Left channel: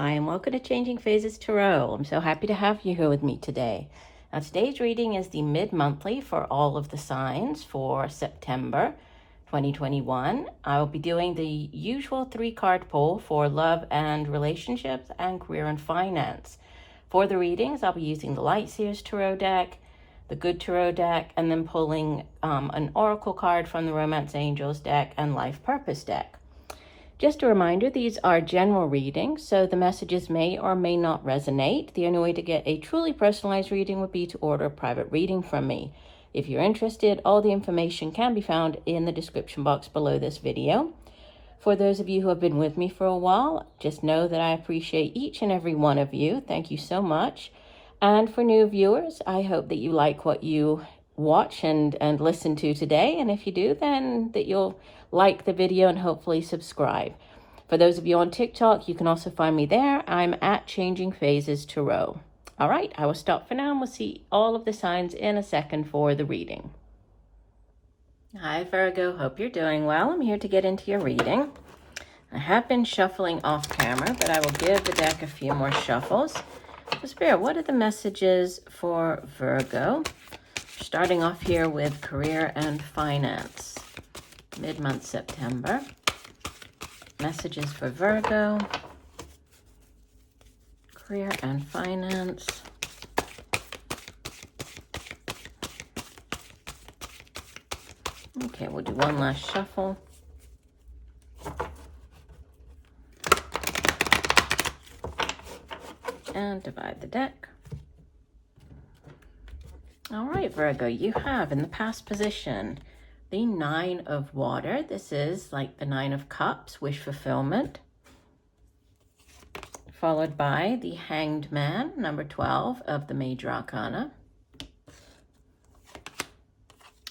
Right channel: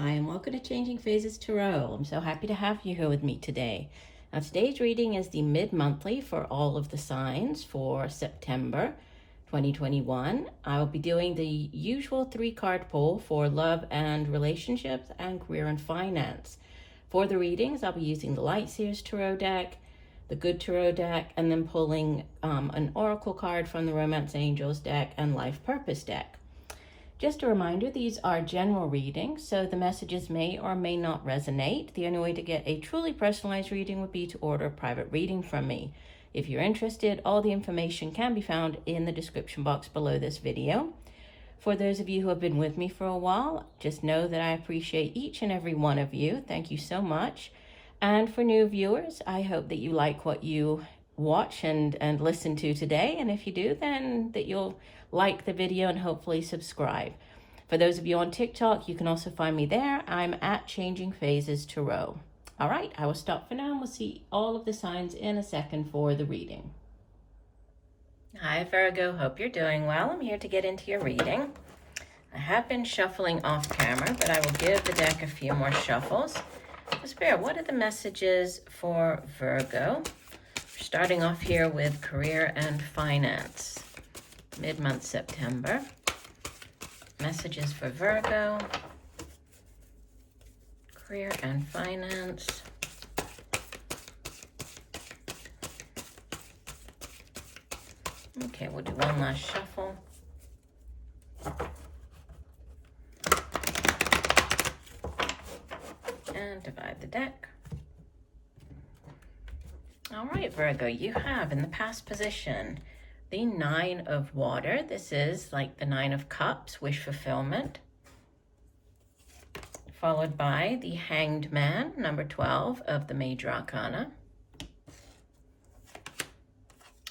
Hi, and welcome to Changing Phases Tarot. I'm so happy to have you here with me today. Now, today's reading is the mid-monthly for all of the signs for September 2021. I will be doing the usual 3-card pull for love and relationships and career and finance. For the readings, I'll be using the Light Seers Tarot deck, the Good Tarot deck, and then pulling an Oracle card from the Romance Angels deck and LifePurpose deck. Just a reminder, these are general readings, so the messages may or may not resonate. The only way to get a truly personalized reading would be to order a private reading from me. If you're interested, all the information can be found in the description box below this video. For those of you who have been with me for a while, just know that I appreciate each and every one of you. Thank you so much. And for new viewers, I hope that you like what you watch and listen to today. And if you do, then that you'll like the video and hopefully subscribe. For those of you on TikTok, you can also find me there. I'm at Changing Phases Tarot. All right, I will stop for now and we'll see all of the signs in a second for the reading. Hi Virgo, hope you're doing well. I'm here to get into your reading. I have been shuffling off camera, but I will give the deck a few more shuffles. Spirit, what are the messages for Virgo? Starting off here with career and finance. Mid-month September. Messages for Virgo. Career and finance. Okay, we'll do one last shuffle. And divide the deck. All right, Virgo, you have in the past position the 9 of water. This is like the 9 of cups, wish fulfillment. Followed by the Hanged Man, number 12 of the Major Arcana.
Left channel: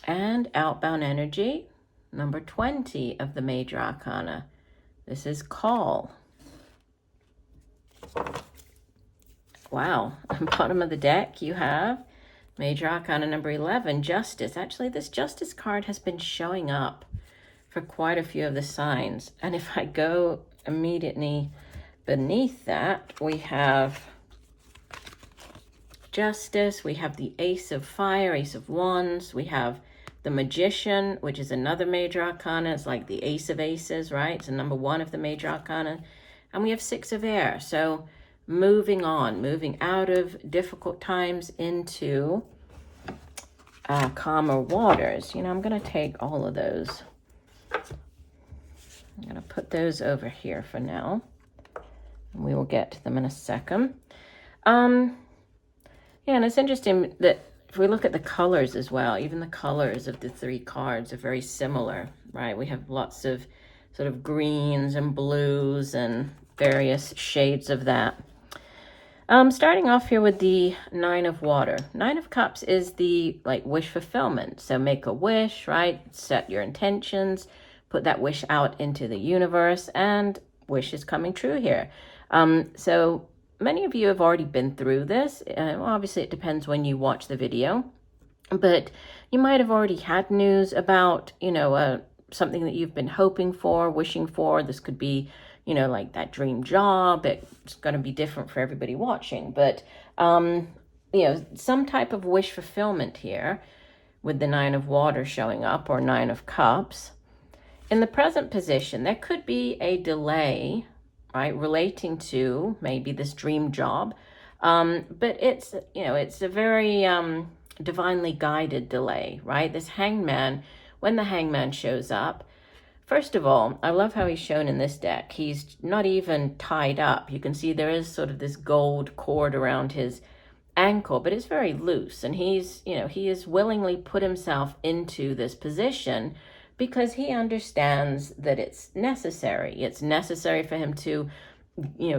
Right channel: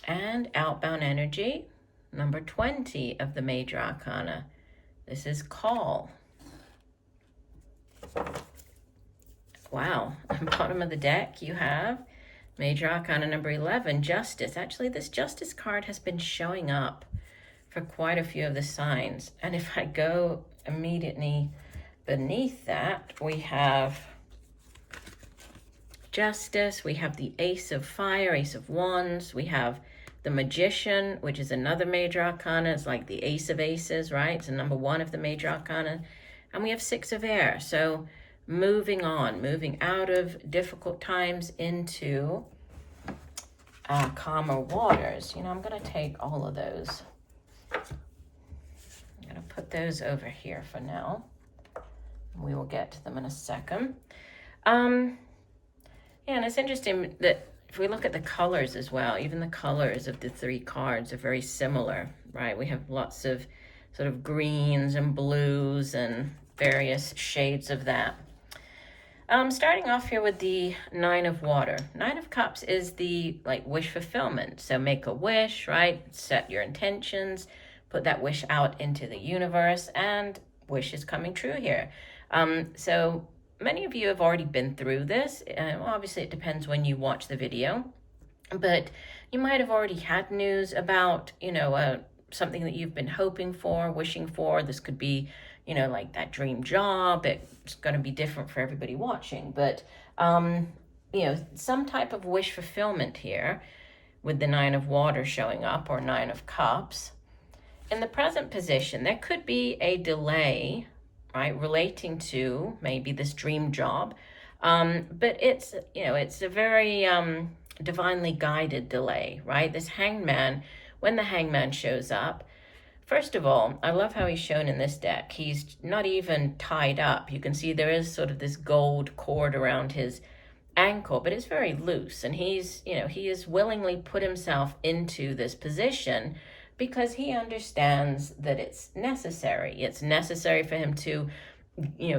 And Outbound Energy, number 20 of the Major Arcana. This is Call. Wow, on the bottom of the deck you have Major Arcana number 11, Justice. Actually, this Justice card has been showing up for quite a few of the signs. And if I go immediately beneath that, we have Justice, we have the Ace of Fire, Ace of Wands, we have the Magician, which is another Major Arcana. It's like the Ace of Aces, right? It's a number 1 of the Major Arcana. And we have 6 of Air. So moving on, moving out of difficult times into calmer waters. You know, I'm going to take all of those. I'm going to put those over here for now. We will get to them in a second. Yeah, and it's interesting that if we look at the colors as well, even the colors of the 3 cards are very similar, right? We have lots of sort of greens and blues and various shades of that. Starting off here with the 9 of water. 9 of cups is the wish fulfillment. So make a wish, right? Set your intentions, put that wish out into the universe, and wish is coming true here. So many of you have already been through this. Obviously, it depends when you watch the video, but you might have already had news about, something that you've been hoping for, wishing for. This could be like that dream job. It's going to be different for everybody watching, but, some type of wish fulfillment here with the 9 of water showing up, or 9 of cups. In the present position, there could be a delay, right, relating to maybe this dream job. But it's, it's a very divinely guided delay, right? This Hangman, when the Hangman shows up, first of all, I love how he's shown in this deck. He's not even tied up. You can see there is sort of this gold cord around his ankle, but it's very loose. And he's, he has willingly put himself into this position because he understands that it's necessary. It's necessary for him to,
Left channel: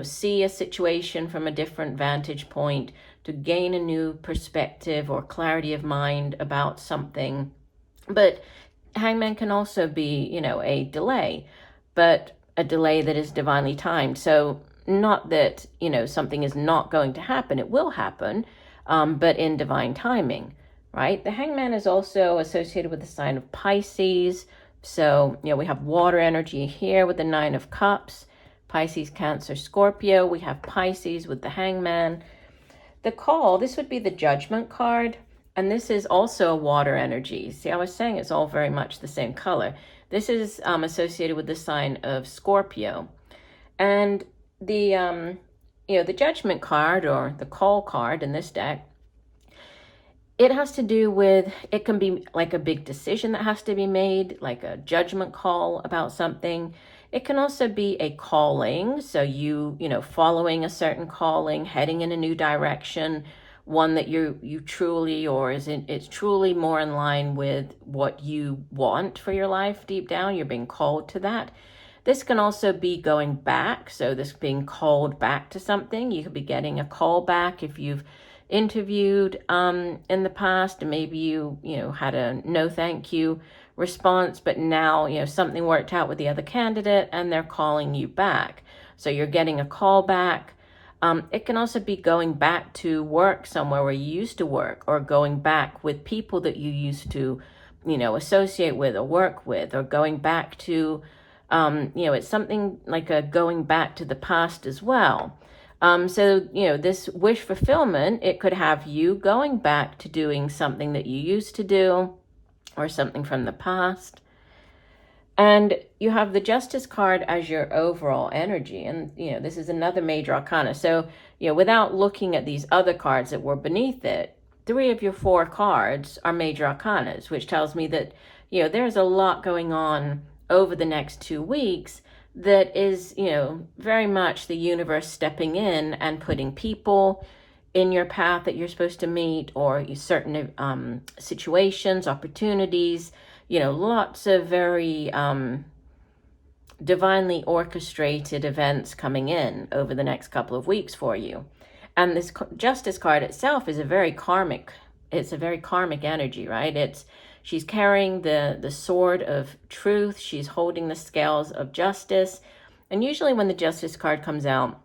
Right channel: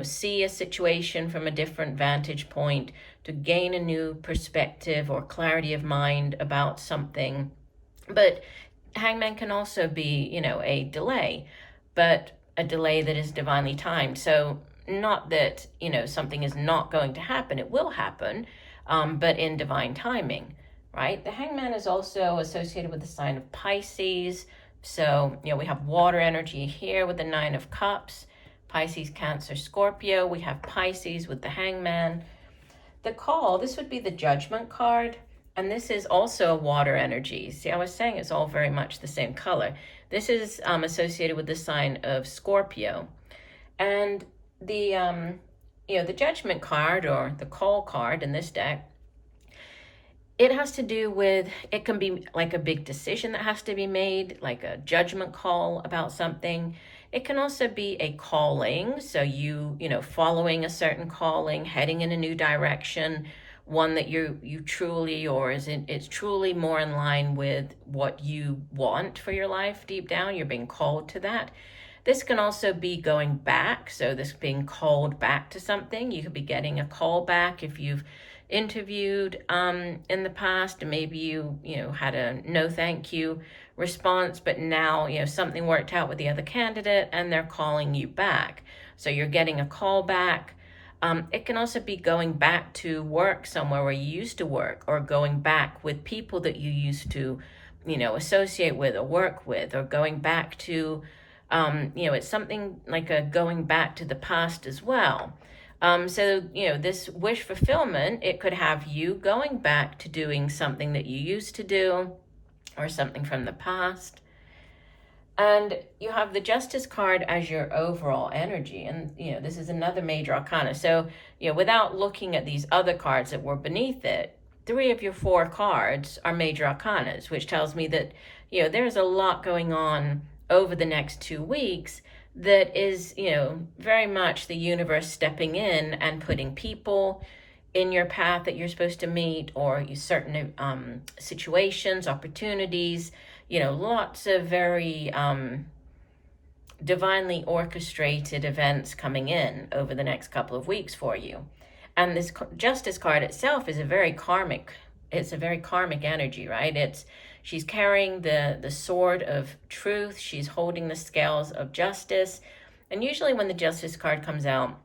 see a situation from a different vantage point, to gain a new perspective or clarity of mind about something. But Hangman can also be, a delay, but a delay that is divinely timed. So not that, something is not going to happen. It will happen, but in divine timing, right? The Hangman is also associated with the sign of Pisces. So, we have water energy here with the 9 of cups. Pisces, Cancer, Scorpio. We have Pisces with the Hangman. The Call, this would be the Judgment card. And this is also a water energy. See, I was saying it's all very much the same color. This is associated with the sign of Scorpio. And the, the Judgment card, or the Call card in this deck, it has to do with, it can be like a big decision that has to be made, like a judgment call about something. It can also be a calling, so you following a certain calling, heading in a new direction, one that you truly, or it's truly more in line with what you want for your life deep down. You're being called to that. This can also be going back, so this being called back to something. You could be getting a call back if you've interviewed in the past, and maybe you had a no thank you response, but now something worked out with the other candidate and they're calling you back, so you're getting a call back. It can also be going back to work somewhere where you used to work, or going back with people that you used to associate with or work with, or going back to it's something like a going back to the past as well. So, this wish fulfillment, it could have you going back to doing something that you used to do, or something from the past. And you have the Justice card as your overall energy. And, this is another major arcana. So, without looking at these other cards that were beneath it, 3 of your 4 cards are major arcanas, which tells me that, there's a lot going on over the next 2 weeks that is, very much the universe stepping in and putting people in your path that you're supposed to meet, or certain situations, opportunities, lots of very divinely orchestrated events coming in over the next couple of weeks for you. And this Justice card itself is a very karmic energy, right? She's carrying the sword of truth. She's holding the scales of justice. And usually when the Justice card comes out,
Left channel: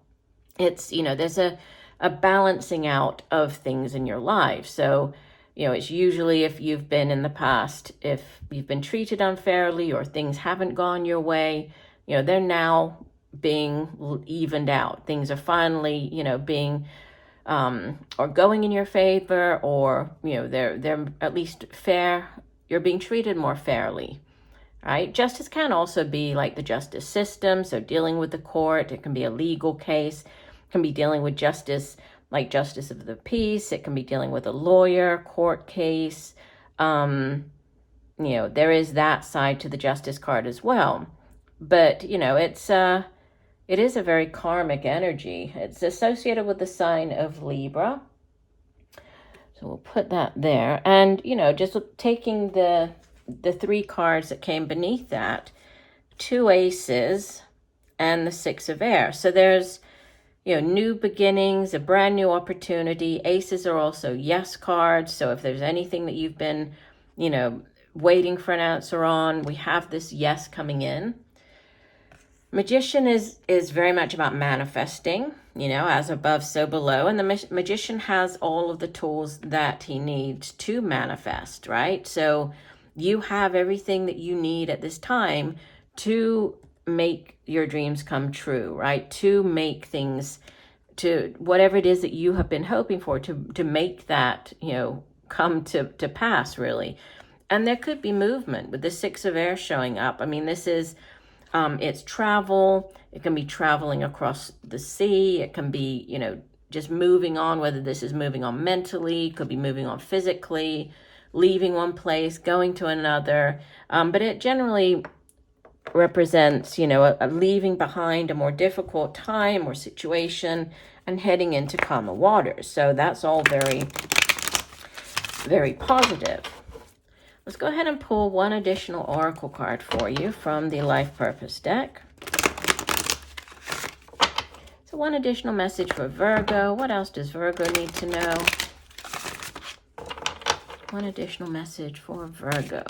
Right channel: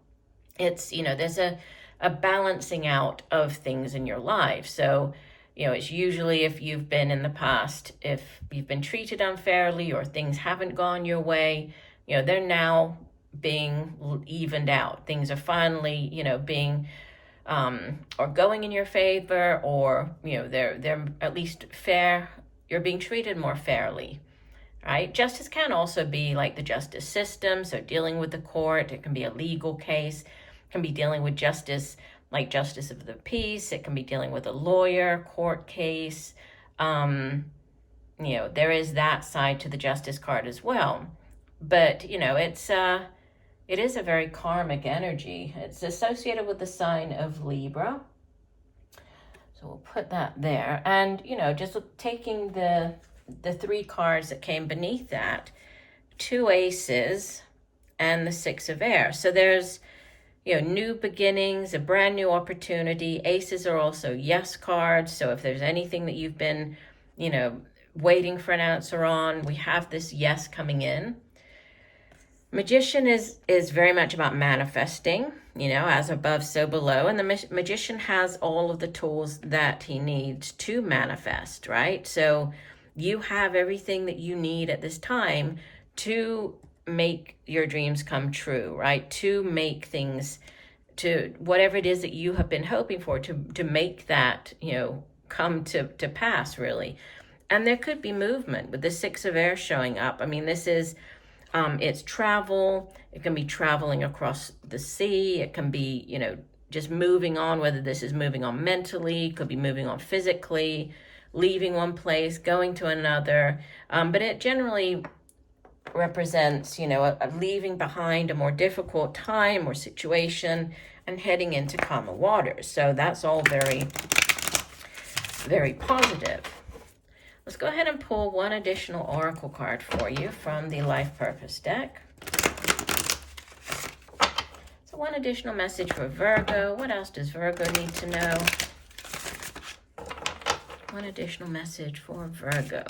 it's, there's a balancing out of things in your life. So, it's usually if you've been in the past, if you've been treated unfairly or things haven't gone your way, they're now being evened out. Things are finally, being or going in your favor, or, they're at least fair. You're being treated more fairly, right? Justice can also be like the justice system, so dealing with the court. It can be a legal case. It can be dealing with justice, like justice of the peace. It can be dealing with a lawyer, court case. There is that side to the Justice card as well. But, it is a very karmic energy. It's associated with the sign of Libra. So we'll put that there. And, just taking the 3 cards that came beneath that, 2 aces and the 6 of air. So there's, new beginnings, a brand new opportunity. Aces are also yes cards. So if there's anything that you've been, waiting for an answer on, we have this yes coming in. Magician is very much about manifesting, as above, so below. And the magician has all of the tools that he needs to manifest, right? So you have everything that you need at this time to make your dreams come true, right? To make things, to whatever it is that you have been hoping for, to make that, come to pass, really. And there could be movement with the 6 of air showing up. I mean, this is, it's travel. It can be traveling across the sea. It can be, just moving on, whether this is moving on mentally, could be moving on physically, leaving one place, going to another. But it generally represents, a leaving behind a more difficult time or situation and heading into calmer waters. So that's all very, very positive. Let's go ahead and pull one additional oracle card for you from the LifePurpose deck. So one additional message for Virgo. What else does Virgo need to know? One additional message for Virgo.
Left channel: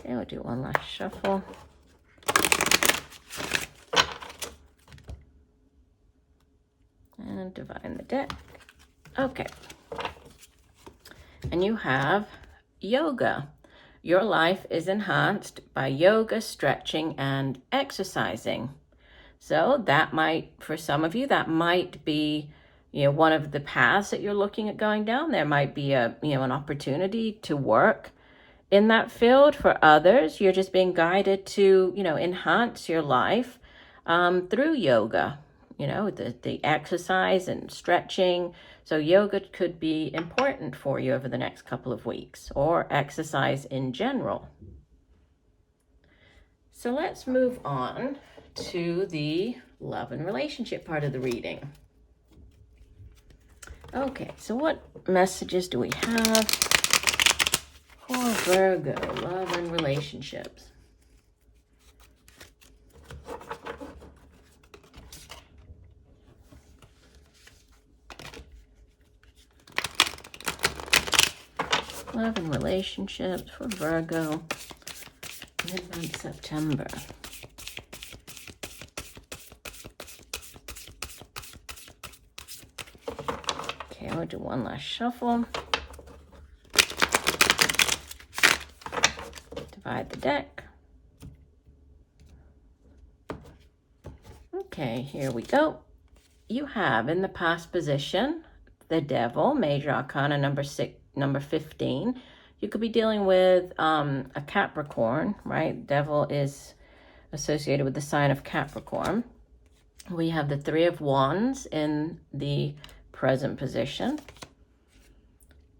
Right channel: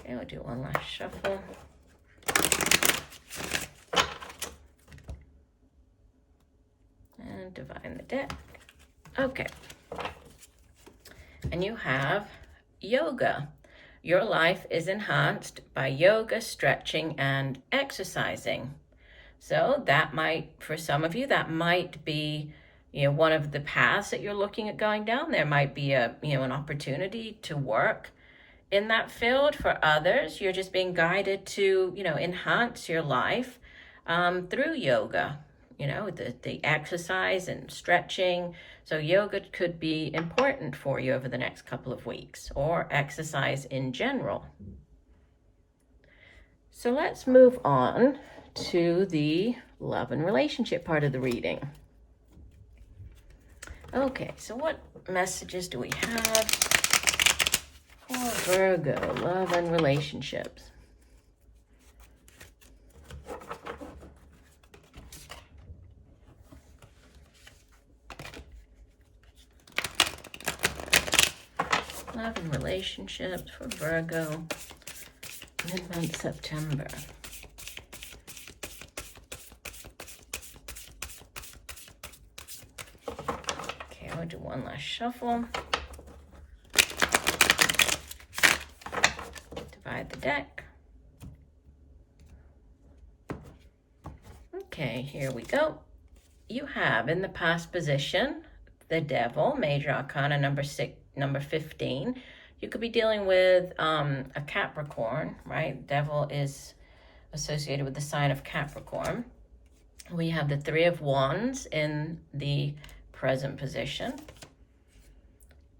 Okay, we'll do one last shuffle. And divine the deck. Okay. And you have yoga. Your life is enhanced by yoga, stretching, and exercising. So that might, for some of you, that might be, one of the paths that you're looking at going down. There might be an opportunity to work in that field. For others, you're just being guided to, enhance your life through yoga, the exercise and stretching. So yoga could be important for you over the next couple of weeks, or exercise in general. So let's move on to the love and relationship part of the reading. Okay, so what messages do we have for Virgo, love and relationships? Love and relationships for Virgo, mid-month September. Okay, I'll do one last shuffle. Divide the deck. Okay, here we go. You have in the past position the Devil, Major Arcana number 15. You could be dealing with a Capricorn, right? Devil is associated with the sign of Capricorn. We have the Three of Wands in the present position.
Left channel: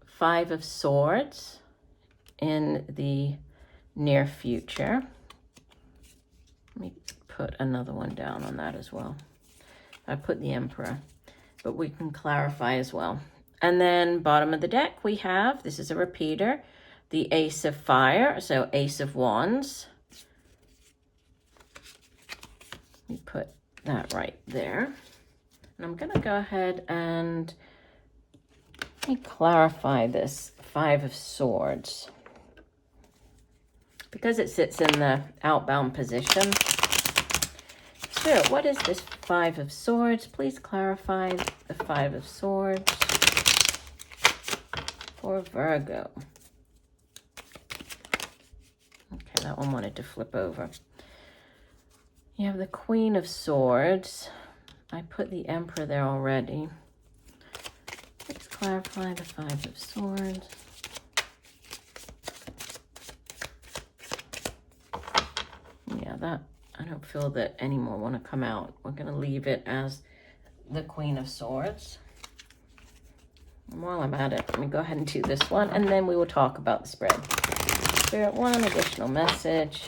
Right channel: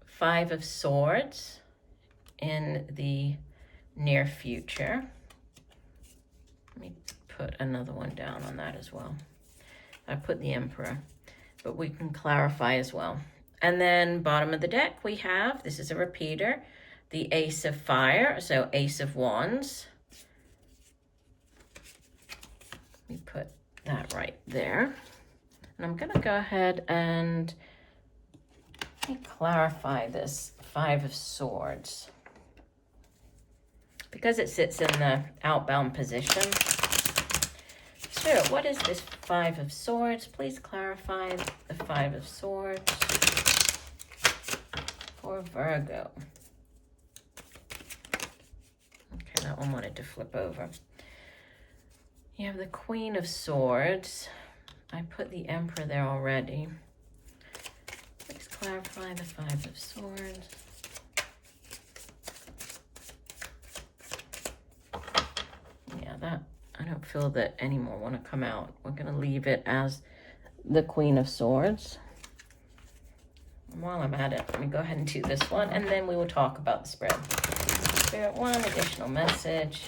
Five of Swords in the near future. Let me put another one down on that as well. I put the Emperor, but we can clarify as well. And then bottom of the deck, we have, this is a repeater, the Ace of Fire, so Ace of Wands. Let me put that right there. And I'm gonna go ahead and clarify this Five of Swords, because it sits in the outbound position. So what is this Five of Swords? Please clarify the Five of Swords for Virgo. Okay, that one wanted to flip over. You have the Queen of Swords. I put the Emperor there already. Let's clarify the Five of Swords. Yeah, that, I don't feel that any more want to come out. We're going to leave it as the Queen of Swords. And while I'm at it, let me go ahead and do this one, and then we will talk about the spread. Spirit, one additional message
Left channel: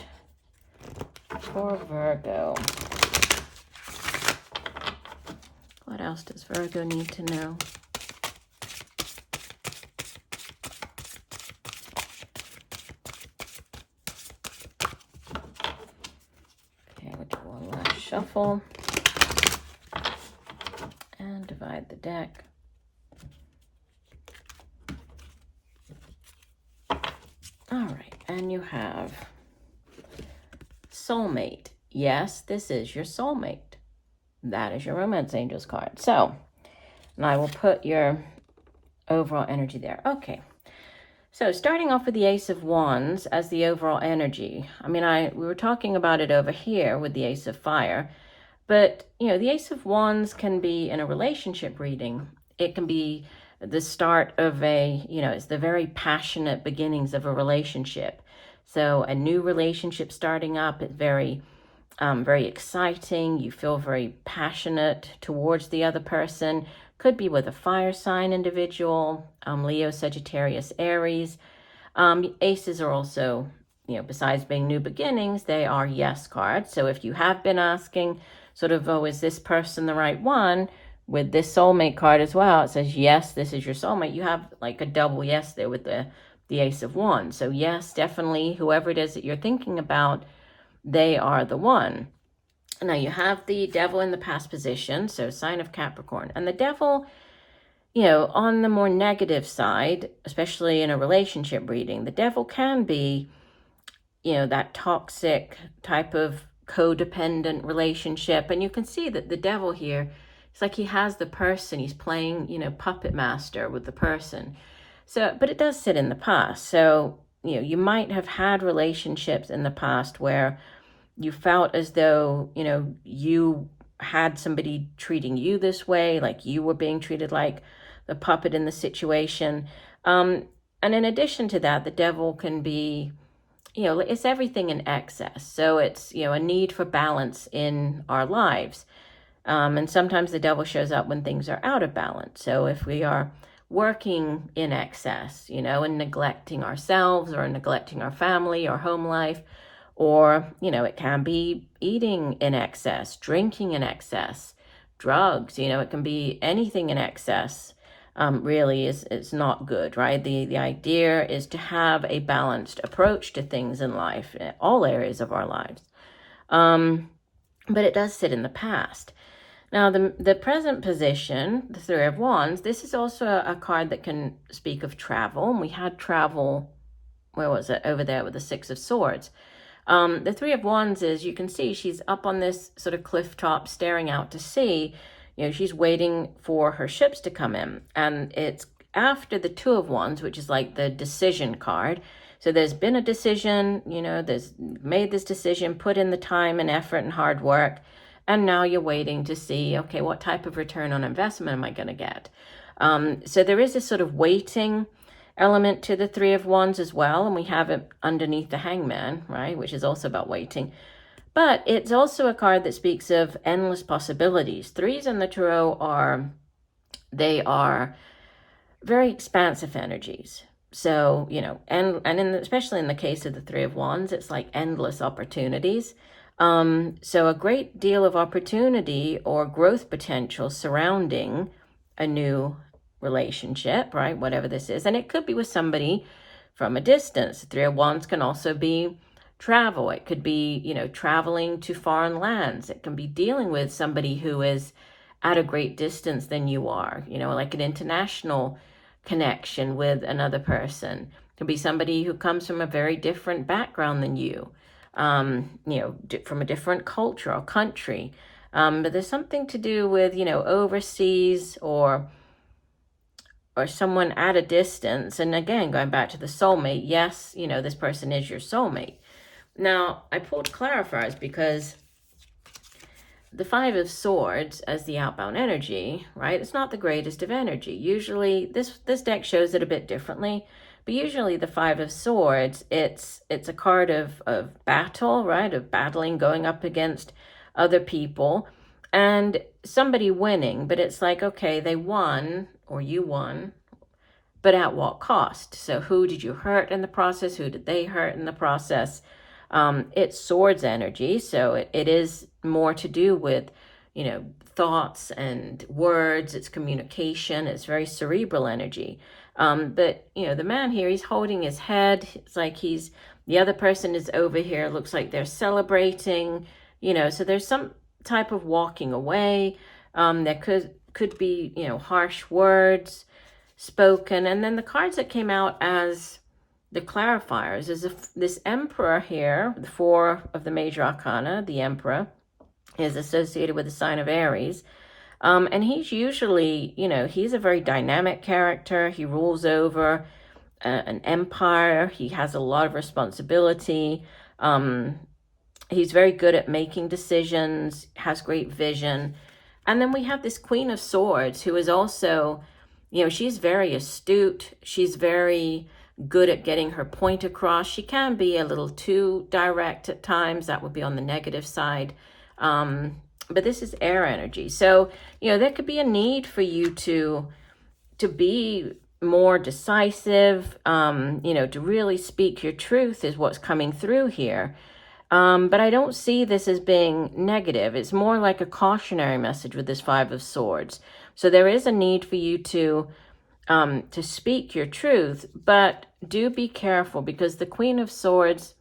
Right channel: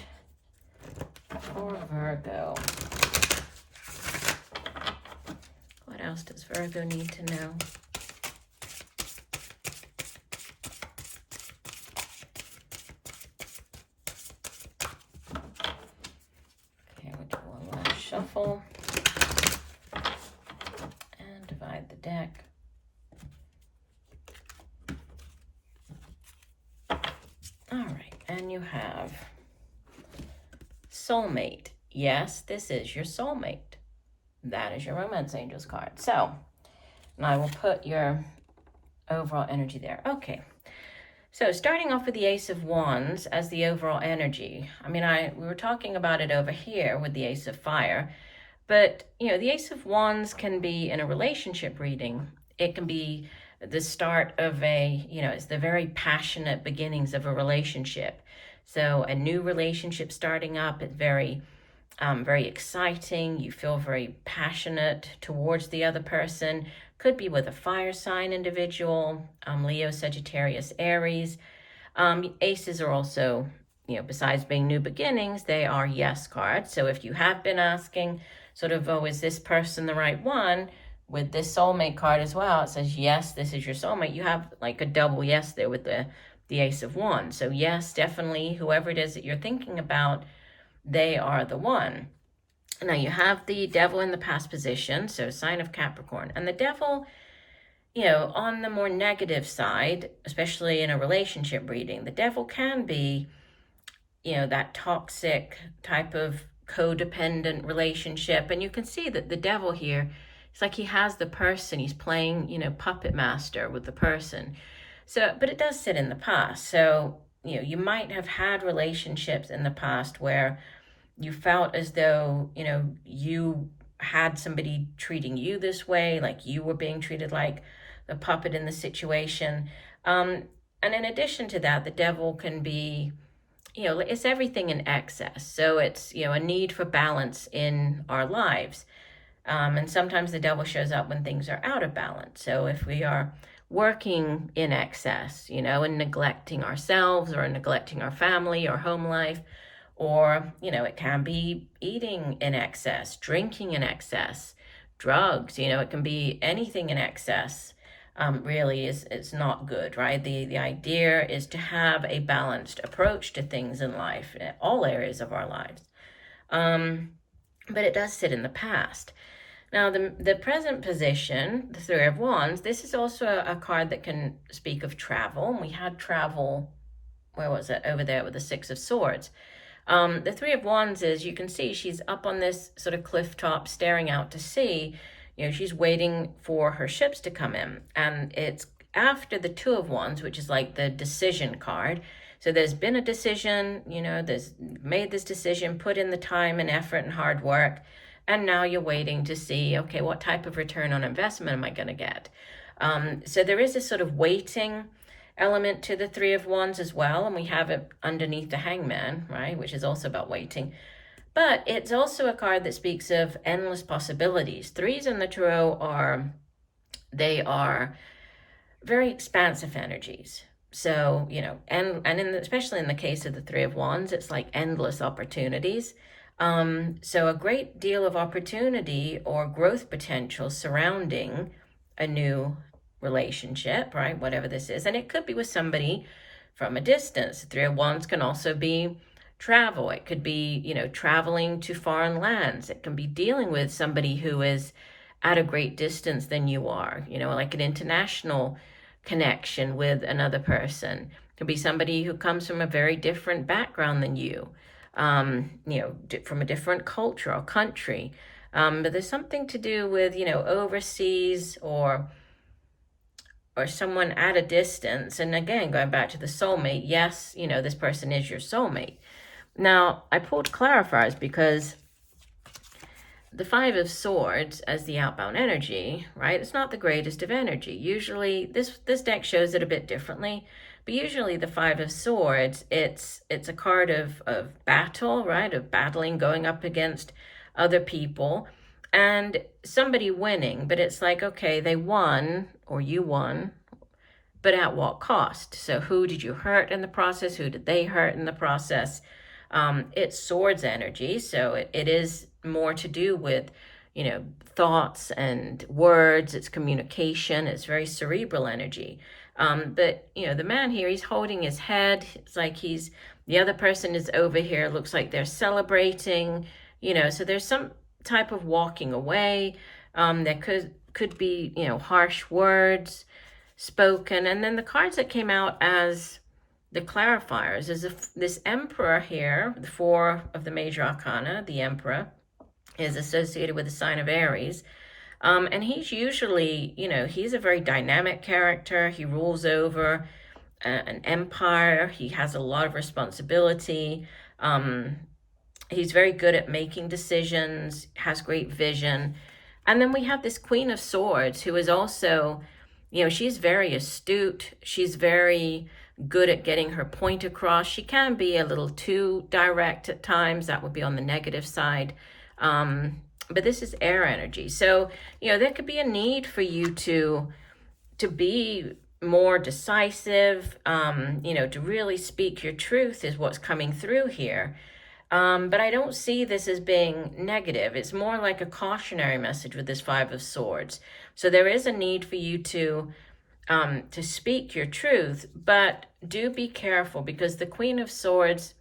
for Virgo. What else does Virgo need to know? Okay, we'll do one last shuffle and divide the deck. All right, and you have soulmate. Yes, this is your soulmate. That is your romance angels card. So, and I will put your overall energy there. Okay, so starting off with the Ace of Wands as the overall energy. I mean, we were talking about it over here with the Ace of Fire, but the Ace of Wands can be in a relationship reading. It can be the start of it's the very passionate beginnings of a relationship. So a new relationship starting up is very exciting. You feel very passionate towards the other person. Could be with a fire sign individual, Leo, Sagittarius, Aries. Aces are also, besides being new beginnings, they are yes cards. So if you have been asking sort of, oh, is this person the right one? With this soulmate card as well, it says, yes, this is your soulmate. You have like a double yes there with the Ace of Wands. So yes, definitely, whoever it is that you're thinking about, they are the one. Now you have the Devil in the past position, so sign of Capricorn. And the Devil, on the more negative side, especially in a relationship reading, the Devil can be, that toxic type of codependent relationship. And you can see that the Devil here it's like he has the person, he's playing, puppet master with the person. So, but it does sit in the past. So, you might have had relationships in the past where you felt as though, you had somebody treating you this way, like you were being treated like the puppet in the situation. And in addition to that, the devil can be, it's everything in excess. So it's, a need for balance in our lives. And sometimes the devil shows up when things are out of balance. So if we are working in excess, and neglecting ourselves or neglecting our family or home life, or, it can be eating in excess, drinking in excess, drugs, it can be anything in excess. Really is not good, right? The idea is to have a balanced approach to things in life, in all areas of our lives. But it does sit in the past. Now, the present position, the Three of Wands, this is also a card that can speak of travel. And we had travel, where was it? Over there with the Six of Swords. The Three of Wands is, you can see she's up on this sort of cliff top staring out to sea. She's waiting for her ships to come in. And it's after the Two of Wands, which is like the decision card. So there's been a decision, there's made this decision, put in the time and effort and hard work. And now you're waiting to see, okay, what type of return on investment am I going to get? So there is this sort of waiting element to the Three of Wands as well. And we have it underneath the Hangman, right? Which is also about waiting. But it's also a card that speaks of endless possibilities. Threes in the tarot are very expansive energies. So, especially in the case of the Three of Wands, it's like endless opportunities. So a great deal of opportunity or growth potential surrounding a new relationship, right? Whatever this is. And it could be with somebody from a distance. The Three of Wands can also be travel. It could be, traveling to foreign lands. It can be dealing with somebody who is at a great distance than you are, like an international connection with another person. It could be somebody who comes from a very different background than you, from a different culture or country. But there's something to do with, overseas or someone at a distance. And again, going back to the soulmate, yes, this person is your soulmate. Now, I pulled Clarifiers because the Five of Swords as the outbound energy, right? It's not the greatest of energy. Usually, this deck shows it a bit differently, but usually the Five of Swords, it's a card of battle, right? Of battling, going up against other people, and somebody winning. But it's like, okay, they won, or you won, but at what cost? So who did you hurt in the process? Who did they hurt in the process? It's swords energy, so it is more to do with, thoughts and words. It's communication. It's very cerebral energy. But, the man here, he's holding his head. It's like the other person is over here. It looks like they're celebrating, so there's some type of walking away. There could be, harsh words spoken. And then the cards that came out as the Clarifiers is this Emperor here, the Four of the Major Arcana. The Emperor is associated with the sign of Aries. And he's usually, he's a very dynamic character. He rules over an empire. He has a lot of responsibility. He's very good at making decisions, has great vision. And then we have this Queen of Swords, who is also, she's very astute. She's very good at getting her point across. She can be a little too direct at times. That would be on the negative side. But this is air energy. So, there could be a need for you to be more decisive, to really speak your truth is what's coming through here. But I don't see this as being negative. It's more like a cautionary message with this Five of Swords. So there is a need for you to speak your truth, but do be careful, because the Queen of Swords,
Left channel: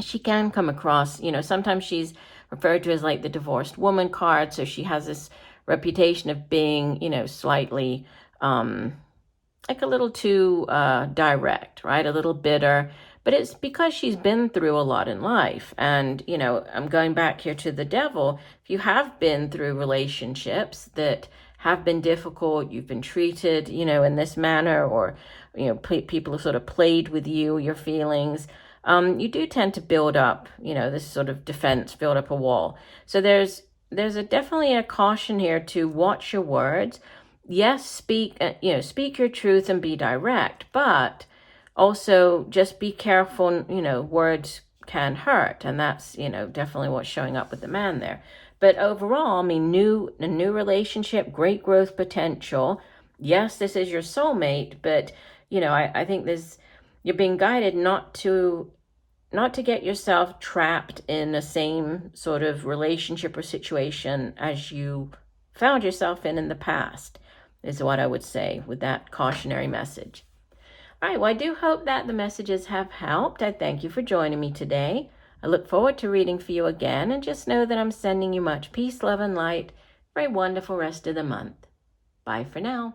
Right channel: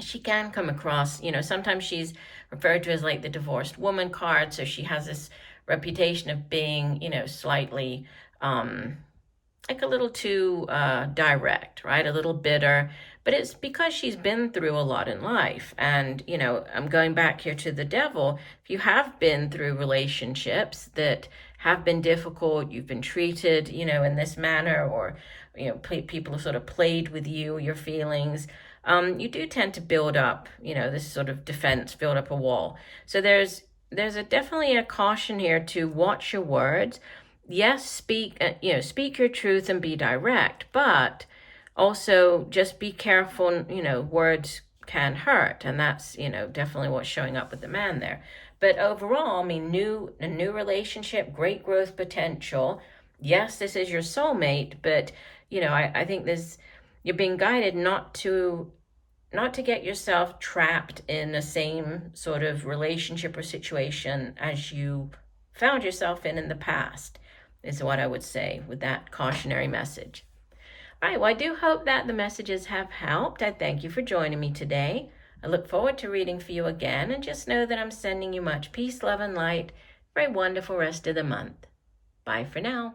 she can come across, sometimes she's referred to as like the divorced woman card. So she has this reputation of being, slightly like a little too direct, right? A little bitter. but it's because she's been through a lot in life. And, you know, I'm going back here to the devil. If you have been through relationships that have been difficult, you've been treated, you know, in this manner, or, you know, people have sort of played with you, your feelings, you do tend to build up, you know, this sort of defense, build up a wall. So there's definitely a caution here to watch your words. Yes, speak your truth and be direct, but also just be careful, you know, words can hurt. And that's, you know, definitely what's showing up with the man there. But overall, I mean, a new relationship, great growth potential. Yes, this is your soulmate, but, you know, I think you're being guided not to get yourself trapped in the same sort of relationship or situation as you found yourself in the past, is what I would say with that cautionary message. All right, well, I do hope that the messages have helped. I thank you for joining me today. I look forward to reading for you again, and just know that I'm sending you much peace, love, and light for a wonderful rest of the month. Bye for now.